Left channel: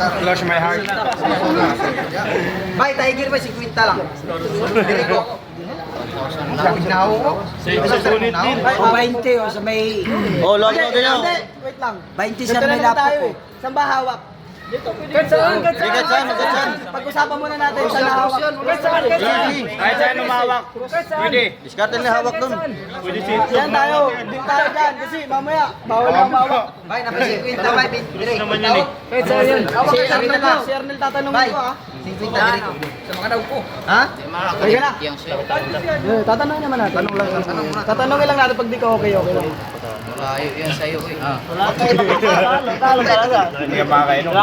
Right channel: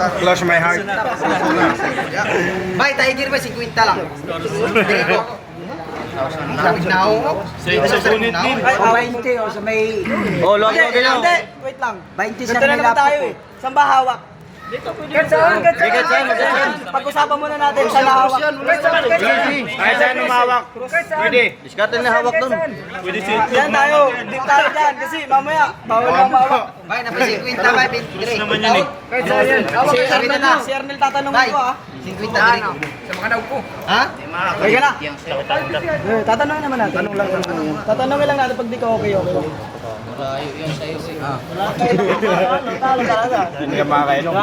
Close my heart. Bay, Tiger ba 50 lang? Naho mo? Sa sulit din. Ay, 20 o sa may... Oh, log na. Hindi, wait lang. 20 sa may laptop ko. Saan ba hawak? Kahit saan. Pag-usapan muna natin sa nahawak. Kahit saan mahawak. Pwede. Diskarte na hawak doon. Yan tayo. Din tayo dyan. Kasi mamaya, bawal na mahawak. Bay, napa 50 bay, 23. Naman yan eh. Kahit saan yan. Si Arnel tatanungin ko ah. 50 diri ko. Sa mga daw ko. Ha? Okay ka na? Tatanungin naman natin. Tatanungin lang natin pag di ka okay lang. Talo talaga. Hindi ka makakainom.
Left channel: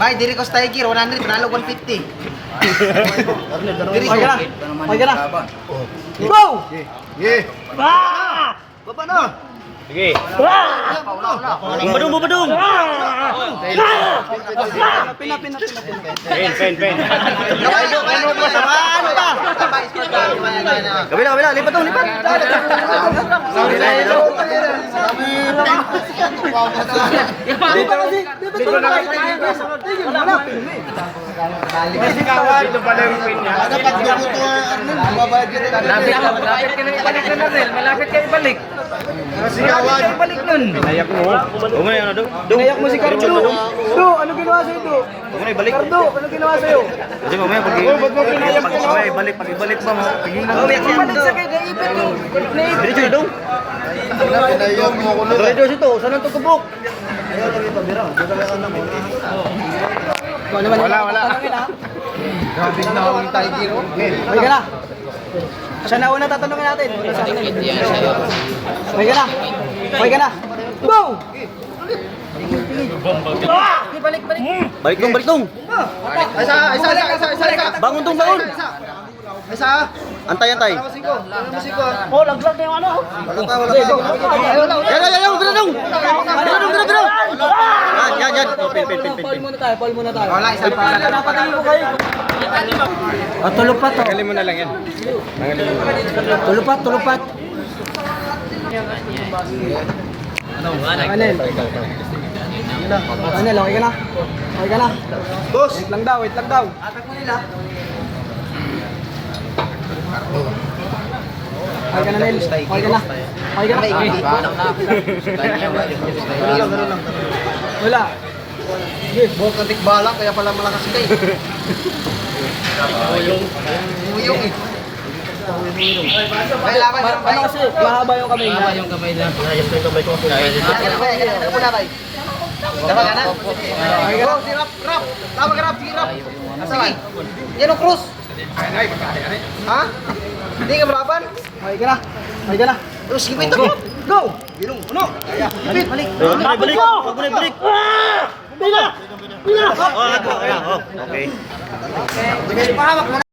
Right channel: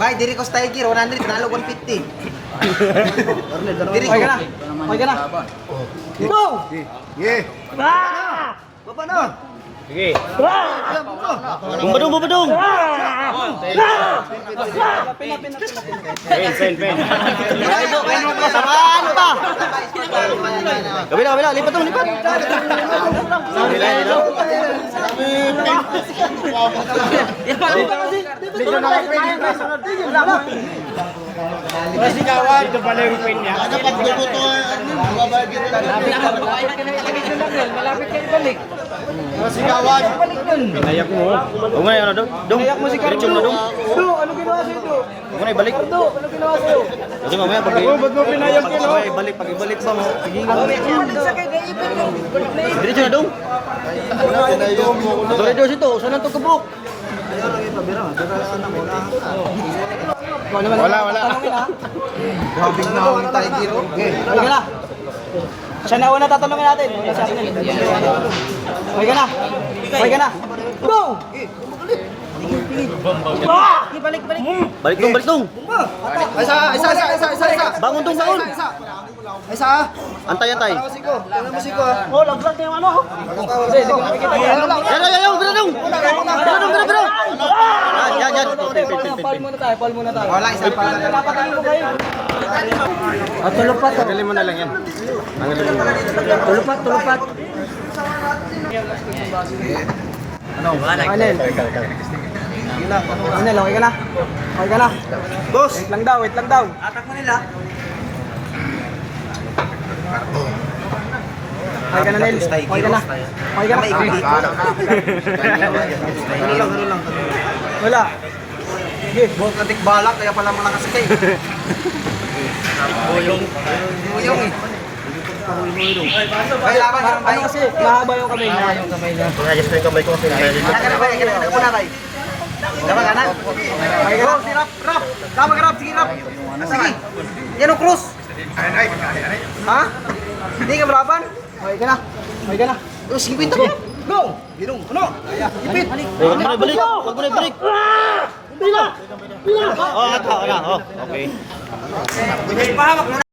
Bay, diri ko sa Tiger 100, panalo 150. Diri ko. Okay ka na? Okay ka na? Go! Yeah. Baba na! Sige. Badong. Pin. Pen. Samaan pa. Kabila. Lipat. Kasi kawan, ito pala yung pin niya. Ano pag dubuto nga, Arnel? Mababayad yun. Malapit ka ibalik. Kasi kawan. Ayak mo. Umay ano do? Inayak mo si Cardo. Do, ano ginawa sa'yo, Do? Umay balik. Cardo, ano ginawa sa'yo? Kasi mamaya pag ibalik pa mo. Sige lang. Diretso na dong. Pinayaw mo ako nila. Diretso ito. Saan ang tugabok? Wala. Tatanungin ha? Grabe na ako yung Tiger. Okay ka na? Siya na una tatanungin natin. Wala sa akin. Okay ka na? Go! Balik. Balik dong. Isa. Bangun. Isa. Antay. Oh, laglag na yung ano. Yan, bira dong. Yan. Paul muna tayo. Wala, isa pa. Napatali mo kayo. Tulupat. Tanggalin mo na lang yan. Tulupat. Anel, okay ka na? Boss. Wait lang daw. Atak mo nila. Okay ka na, Nel? Okay ka na? Wala. Sige. Buhat katik balak, kaya pala malakas kayo. Yung eh. Ano kasi, mahaba yung kamay niya. Ayos na yung kamay ko kasi. Okay ka lang? Sige. Yan ang cross. Ha? Hindi ka malaban? Okay ka na? Sige, ito. Go! Ginong. No. Balik. Huwag mo na ibalik. Bila! Oh, okay. Okay. Pahawak mo na.